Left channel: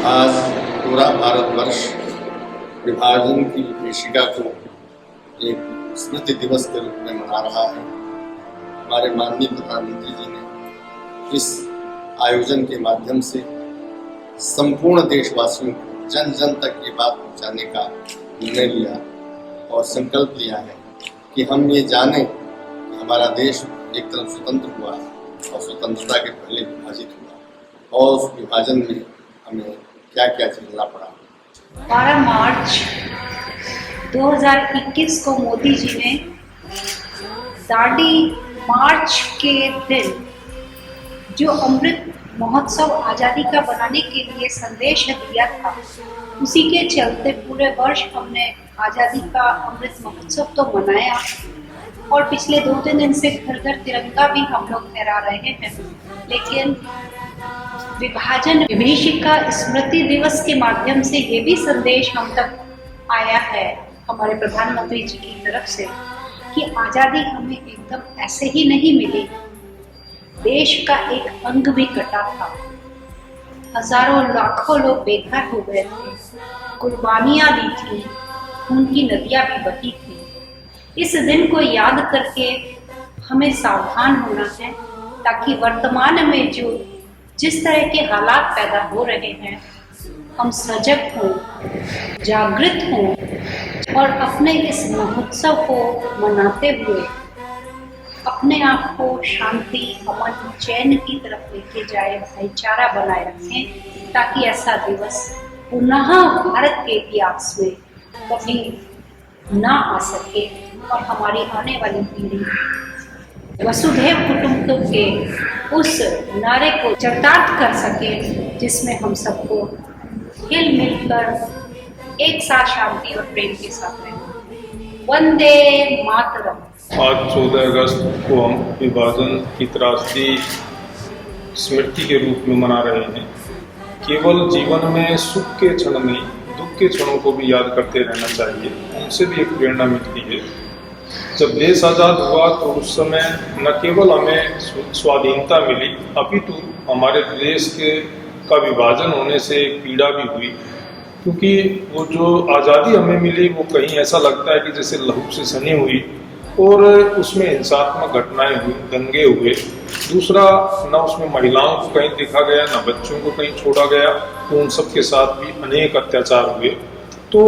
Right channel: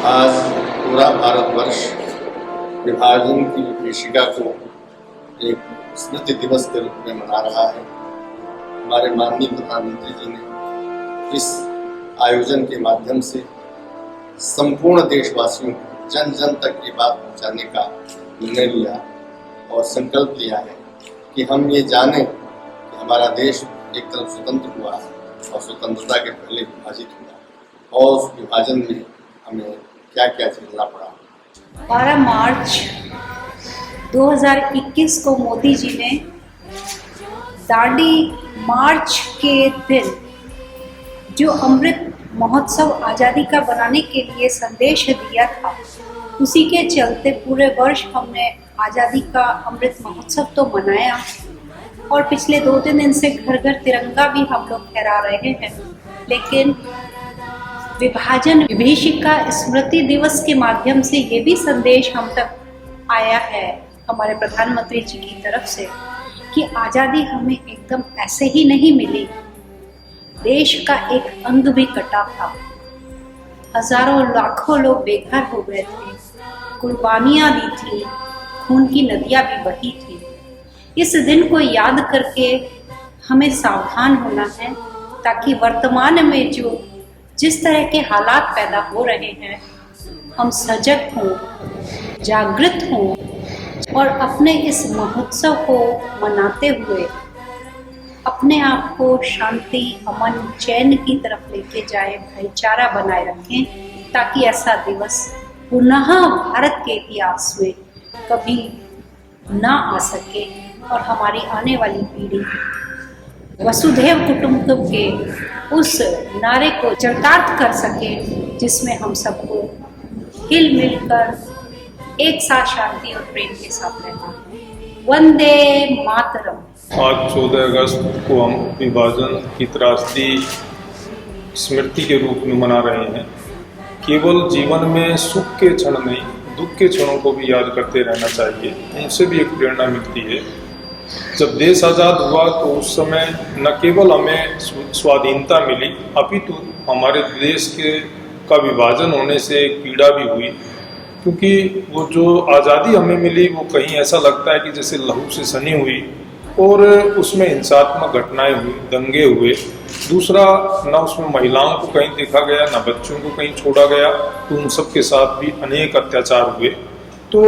आज पूरा भारतवर्ष विभाजन की विभीषिका को एक स्मृति दिवस के रूप में मना रहा है। हमारे माननीय प्रधानमंत्री जी ने इस आयोजन के माध्यम से संपूर्ण देशवासियों को जन जन तक ये बात पहुंचाने का निर्णय लिया और संकल्प लिया है कि हम ये जानें कि हमारा देश एक तरफ स्वतंत्र हुआ और स्वतंत्रता के पहले विभाजित हुआ और उस विभाजन में हमें क्या क्या झेलना पड़ा। 12 मार्च 2021 को मोदी जी ने दांडी मार्च के दिन जो अमृत महोत्सव आज़ादी का बनाने के लिए संदेश दिया था, उसी के चलते पूरे वर्ष हमने आज़ादी का अमृत महोत्सव तो मनाया और पिछले 2-3 दिन से घर घर तिरंगा भी हम लोग फहरा रहे हैं। लेकिन विभाजन विभीषिका स्मृति दिवस के माध्यम से ये भी संदेश हम तक आया है हमारे प्रधानमंत्री जी की तरफ से कि आज़ादी हमें एकदम ऐसे ही नहीं मिली। देश का एक अंग भी कटा था, हजारों लाखों लोग बेघर हो गए थे, कुर्बानियां दी थी, खून की नदियां भी बही थी। इस दिन को याद करके हमें सावधान होना है ताकि वर्तमान में जिस तरह के हालात पैदा हो रहे हैं, हम सजग हों, जागृत हों और अपने इस महोत्सव को मनाते हुए अपने आप को शांति, अमन, चैन की तरफ लेके जाए, भाईचारा बनाए रखें ताकि ऐसा दिवस पुनः भारत के इतिहास में कभी ना आ सके और हमारी आने वाली पीढ़ी वसुधैव कुटुंबकम के उस नारे को चरितार्थ कर सके जिसमें हम सबको हिल मिलकर एक साथ शांति और प्रेम के साथ रहना। वंदे मातरम। आज 14 अगस्त को हम विभाजन की त्रासदी स्मृति के रूप में मना रहे हैं। केवल जीवन में सुख के क्षण नहीं, दुख के क्षणों को भी याद करते रहना चाहिए। उनसे भी एक प्रेरणा मिलती है। जब देश आज़ाद हुआ तो उस समय न केवल हमें स्वाधीनता मिली, अपितु हमारे देश का विभाजन होने से एक पीड़ा भी हुई, क्योंकि वो जो आज़ादी हमें मिली वो कहीं ऐसा लगता है कि जैसे लहू से सनी हुई और उसमें हिंसात्मक घटनाएं हुई, दंगे हुए। दूसरा, न उसमें महिलाओं को कहीं देखा गया, न बच्चों को कहीं छोड़ा गया, तो उन सब के साथ भी अनेक अत्याचार हुए। तो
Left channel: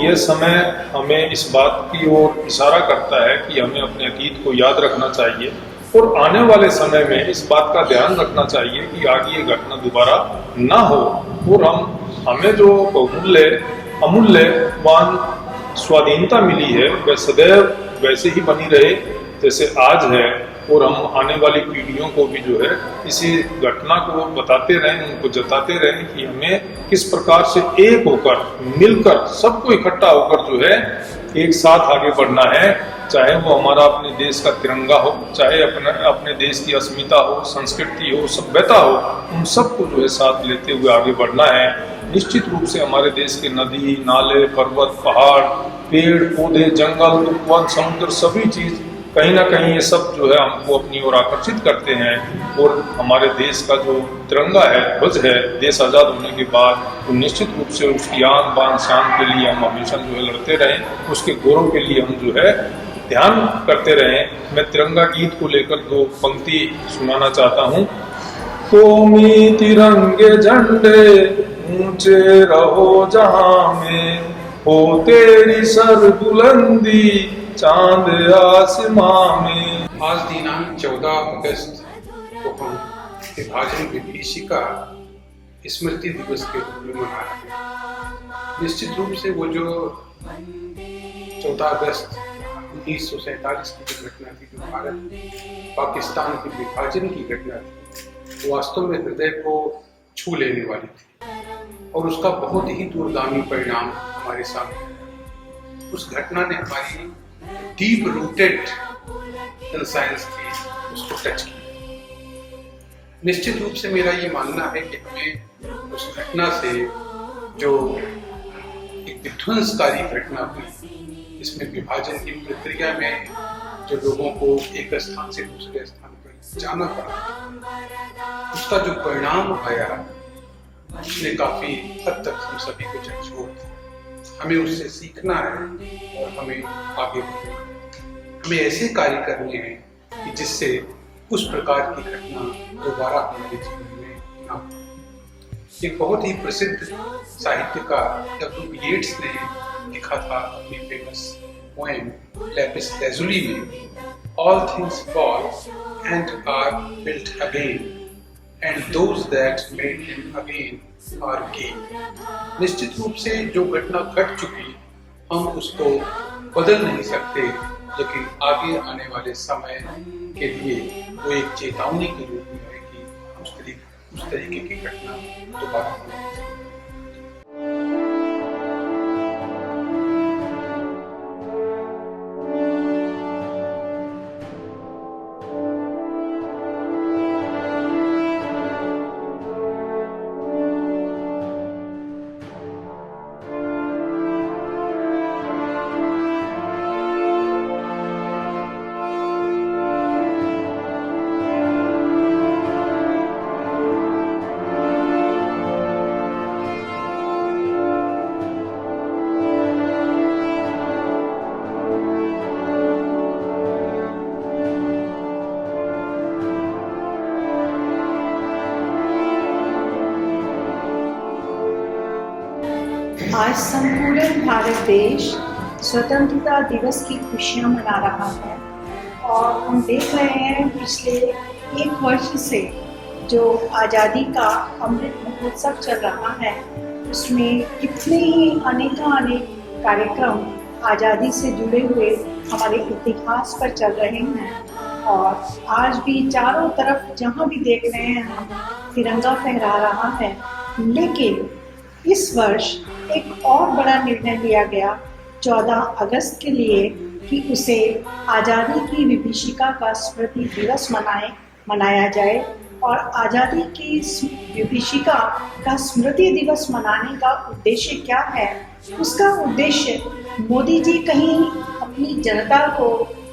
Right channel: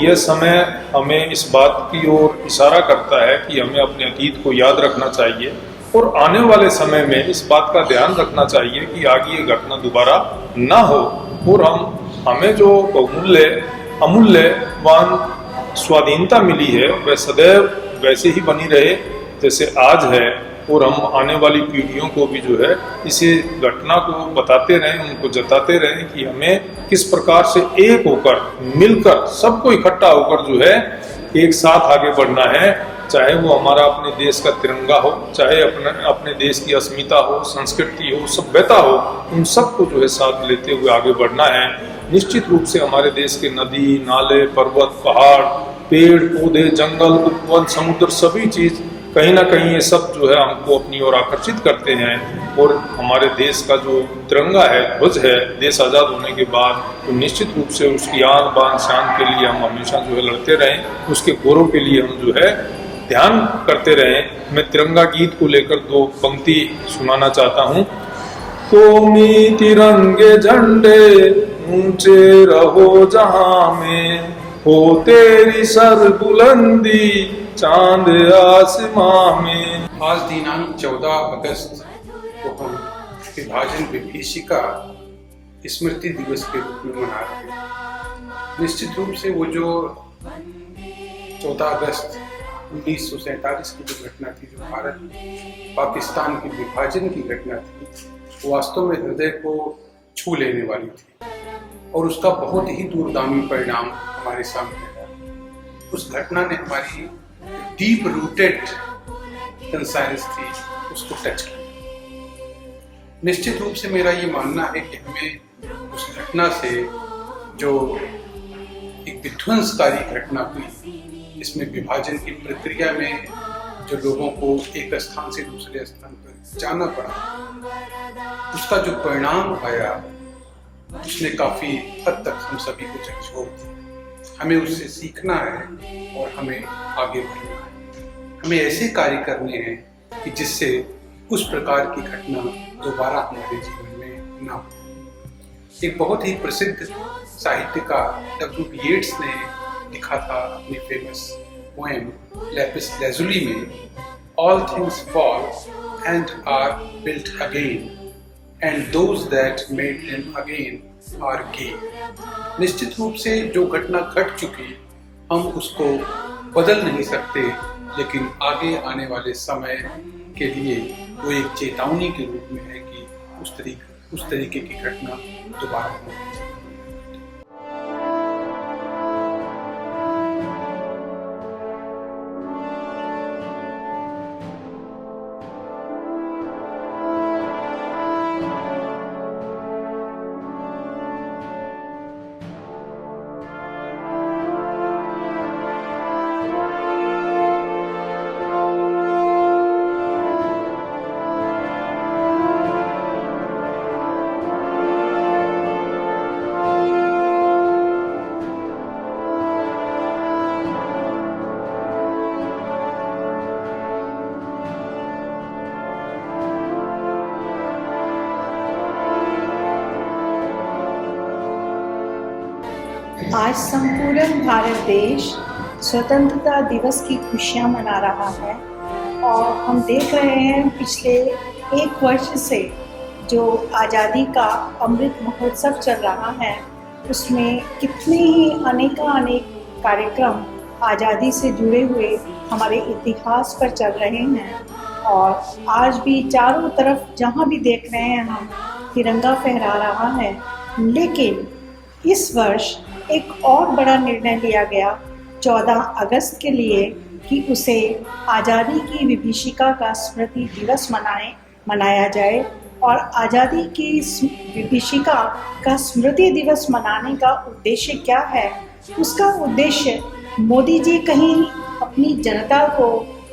यह समय हमें इस बात की ओर इशारा करता है कि हमें अपने अतीत को याद रखना चाहिए और आने वाले समय में इस बात का ध्यान रखना चाहिए कि आगे ये घटना दोबारा ना हो और हमें जो बहुमूल्य अमूल्यवान स्वाधीनता मिली है वह सदैव वैसे ही बनी रहे जैसे आज है और हम आने वाली पीढ़ियों को भी जो है इसी घटना को बताते रहें, उनको जताते रहें कि हमें किस प्रकार से एक होकर, मिलकर, सबको इकट्ठा होकर जो है एक साथ आगे बढ़ना है। चाहे वो हमारा अपने देश का तिरंगा हो, चाहे अपने देश की अस्मिता हो, संस्कृति हो, सभ्यता हो, उन सबको जो है साथ लेते हुए आगे बढ़ना है। निश्चित रूप से हमारे देश के नदी, नाले, पर्वत, पहाड़, पेड़ पौधे, जंगल, उपवन, समुद्र, सभी चीज कहीं ना कहीं ये सब जो है हमको अपनी ओर आकर्षित करते हैं और हमारे देश का जो तिरंगा है, ध्वज है, देश आज़ाद होने के बाद तो निश्चित रूप से उसकी आन बान शान के लिए हम हमेशा जो है लड़ते रहें, उसके गौरव के लिए हम जो है ध्यान करते रहें। मैं तिरंगा गीत को लेकर 2 पंक्ति सुनाना चाहता हूँ। कौमी तिरंगे झंडे ऊंचे रहो जहां में, हो तेरी सर बुलंदी चांद आसमां में। आज दिनांक 14 अगस्त को हम विभाजन विभीषिका स्मृति दिवस के रूप में मना रहे हैं। निश्चित रूप से वो जो 14 अगस्त 1947 की जो घटना थी, जो भारत पाकिस्तान के विभाजन की घटना थी, वो वास्तव में हृदय को छू लेने वाली थी और उसका बहुत ही दूरगामी परिणाम हमारे सामने आया। उस घटना ने हमारी डीप रूटेड कंसाइंस थी, उसको टच किया। निश्चित रूप से मेरा ये मानना है कि हमें उस घटना से जो एक विध्वंसकारी घटना हुई, इसमें विभाजन की प्रक्रिया में जो लोगों को एक स्थान से दूसरे स्थान पर जाना पड़ा, उसका जो परिणाम आया उसने काफ़ी हद तक हम सभी को झकझोर दिया। हमें उससे सीखना है और हमें आगे बढ़ना है। हमें ऐसे कार्य करने हैं कि जिससे उस प्रकार की घटना दोबारा हमारे जीवन में ना हो। एक बहुत ही प्रसिद्ध साहित्यकार W.B. येट्स ने लिखा था अपनी फेमस पोएम लैपिस लैजुली में, All things fall and are built again, and those that made them again are gay. निश्चित रूप से जो घटना घट चुकी हम उसको बदल नहीं सकते, लेकिन आगे आने वाले समय के लिए वो एक चेतावनी के रूप में है कि उस तरीके की घटना दोबारा होनी चाहिए। आज संपूर्ण भारत देश स्वतंत्रता दिवस की खुशियां मना रहा है और हम देख रहे हैं पिछले एक वर्ष से जो आज़ादी का अमृत महोत्सव चल रहा है उसमें कितने ही अनेक कार्यक्रम आज़ादी से जुड़े हुए हमारे इतिहास पर चल रहे हैं। और आज भी चारों तरफ जहाँ भी देख रहे हैं हम तिरंगा फहरा रहा है। लेकिन इस वर्ष एक और बड़ा निर्णय लिया गया 14 अगस्त के लिए कि उसे आज़ादी की विभीषिका का स्मृति दिवस मनाया जाए। और आज़ादी की विभीषिका का स्मृति दिवस मनाने का उद्देश्य क्या है? उसका उद्देश्य मोदी जी कहीं अपनी जनता को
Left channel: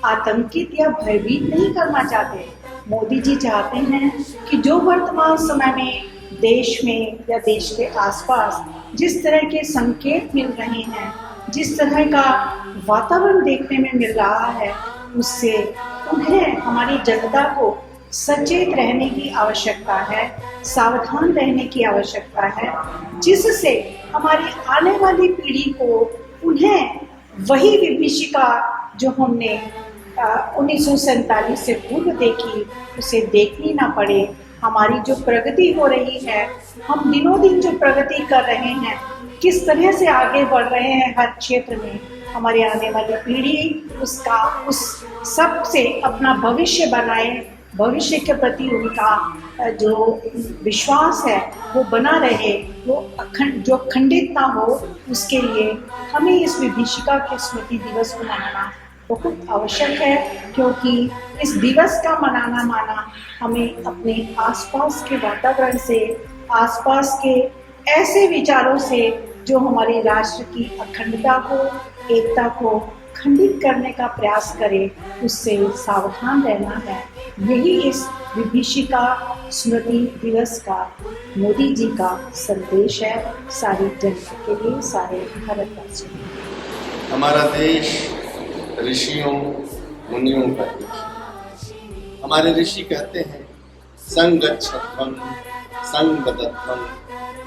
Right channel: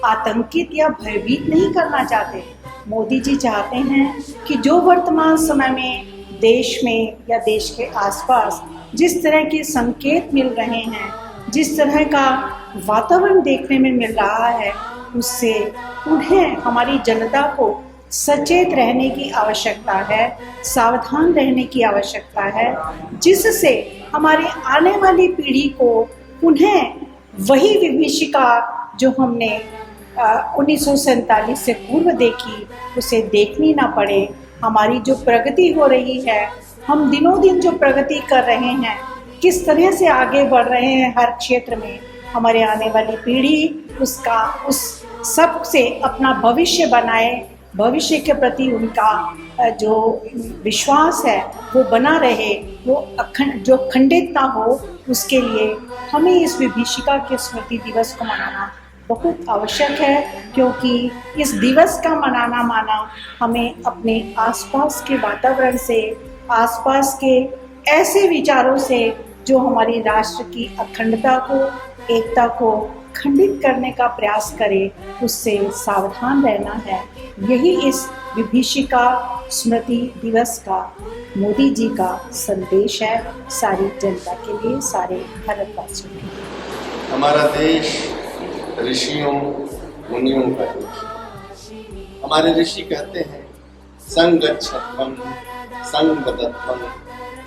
आतंकित या भयभीत नहीं करना चाहते। मोदी जी चाहते हैं कि जो वर्तमान समय में देश में या देश के आसपास जिस तरह के संकेत मिल रहे हैं, जिस तरह का वातावरण देखने में मिल रहा है, उससे उन्हें हमारी जनता को सचेत रहने की आवश्यकता है, सावधान रहने की आवश्यकता है, जिससे हमारी आने वाली पीढ़ी को उन्हें वही विभीषिका जो हमने 1947 से पूर्व देखी उसे देखनी ना पड़े। हमारी जो प्रगति हो रही है, हम दिनों दिन जो प्रगति कर रहे हैं, किस तरह से आगे बढ़ रहे हैं हर क्षेत्र में, हमारे आने वाली पीढ़ी उस सब से अपना भविष्य बनाए, भविष्य के प्रति उनका जो विश्वास है वो बना रहे, वो जो खंडित ना हो, उसके लिए हमें इस विभीषिका के स्मृति दिवस को मनाना बहुत आवश्यक है। क्योंकि इस दिवस का माना हमें अपने आसपास के वातावरण से, आसपास के ऐसे विचारों से जो हमारे राष्ट्र की अखंडता को, एकता को खंडित करने का प्रयास करे, उससे सावधान रहना है। यही इस विभीषिका स्मृति दिवस का मोदी जी का संदेश है सारी जनता के लिए, सारे भारतवासियों के लिए। हमारा देश ऋषियों मुनियों का देश है। हमारे ऋषि कहते हैं संगच्छध्वं संगदध्वं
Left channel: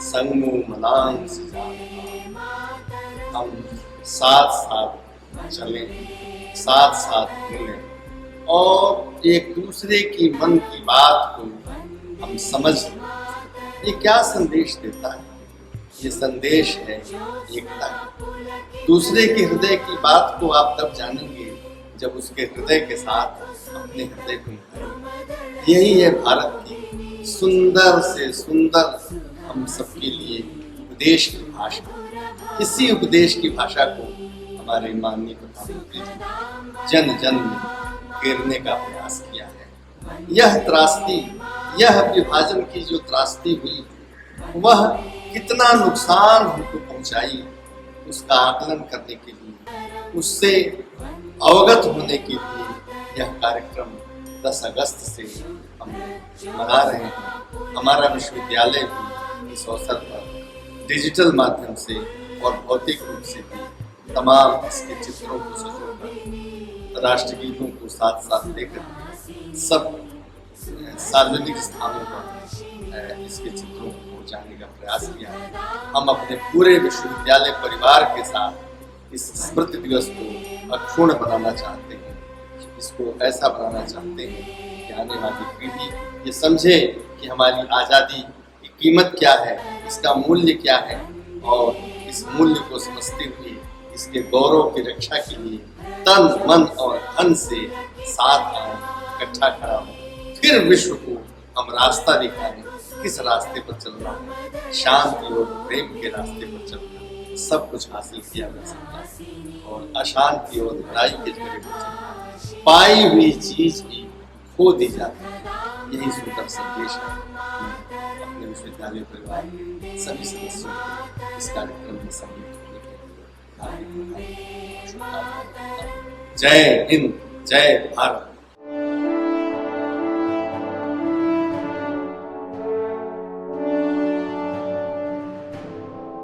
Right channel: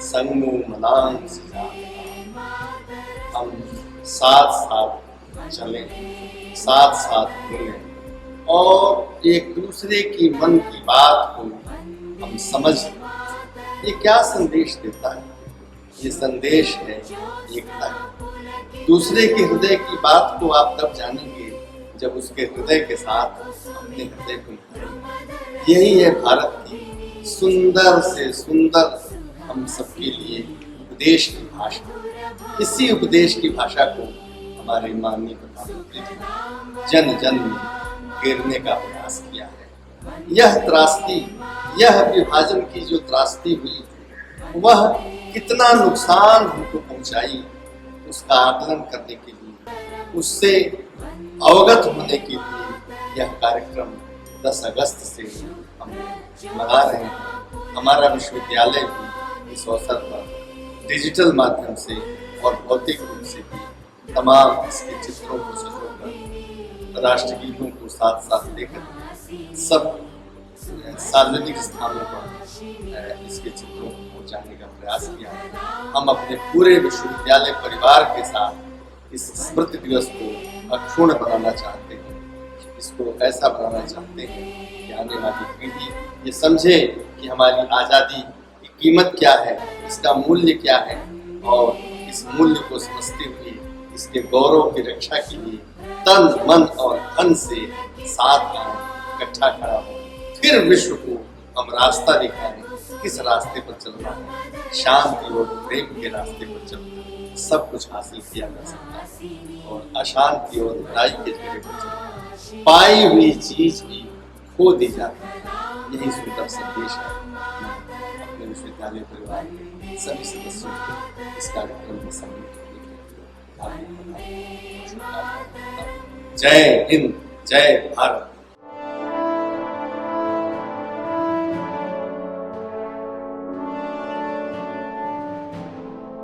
संगो मनांसि जाता। हम साथ साथ चलें, साथ साथ मिलें और एक दूसरे की मन की बात को हम समझ लें। ये क्या संदेश देता है? ये संदेश है एकता का। दूसरे के हृदय की बात को आप तब जानेंगे जब उसके हृदय के साथ अपने हृदय को मिलाएंगे। यही है भारत की सुंदर से सुंदर हम सबके लिए उपदेश की भाषा। इसी उपदेश की भाषा को हमारे माननीय प्रधानमंत्री जी जन जन में घेरने का प्रयास किया है। यह त्रासदी, यह विभाजन की जो त्रासदी हुई, वह कितना नुकसान हमको पहुंचाई, उसका आकलन करने के लिए, उससे अवगत होने के लिए यह कार्यक्रम 10 अगस्त से हम मना रहे हैं। हमारा विश्वविद्यालय भी इस अवसर पर डिजिटल माध्यम से और भौतिक रूप से भी तमाम इसके चित्रों को सजोकर राष्ट्रगीतों को साथ साथ लेकर सब सार्वजनिक स्थानों पर इसके चित्रों को पहुंचाने का प्रयास किया है। हम अपने पूरे विश्वविद्यालय परिवार के साथ इस स्मृति दिवस को अक्षुण्ण बनाना चाहते हैं। इसको ऐसा बनाना चाहते हैं कि आने वाली पीढ़ी ये समझे कि हमारी आज़ादी की कीमत क्या है, इसका मूल्य क्या है, और इस मूल्य को समझते हुए इसके गौरव की रक्षा के लिए तन मन और धन से साथ आए, इकट्ठा खड़ा हो, फिर विश्व को हम रास्ता दिखाएं, किस रास्ते पर चलना है। शांति और प्रेम के रास्ते पर चलकर सब कुछ हासिल किया जा सकता है, और अशांति और लड़ाई के झगड़े पर चलकर पाई हुई चीज भी खो दी जाती है। यही सुंदर संदेश है। मैं अपने विश्वविद्यालय परिवार के सभी सदस्यों को इस कार्यक्रम में सम्मिलित होने के लिए हार्दिक बधाई और शुभकामनाएं देता हूं। जय हिंद, जय भारत।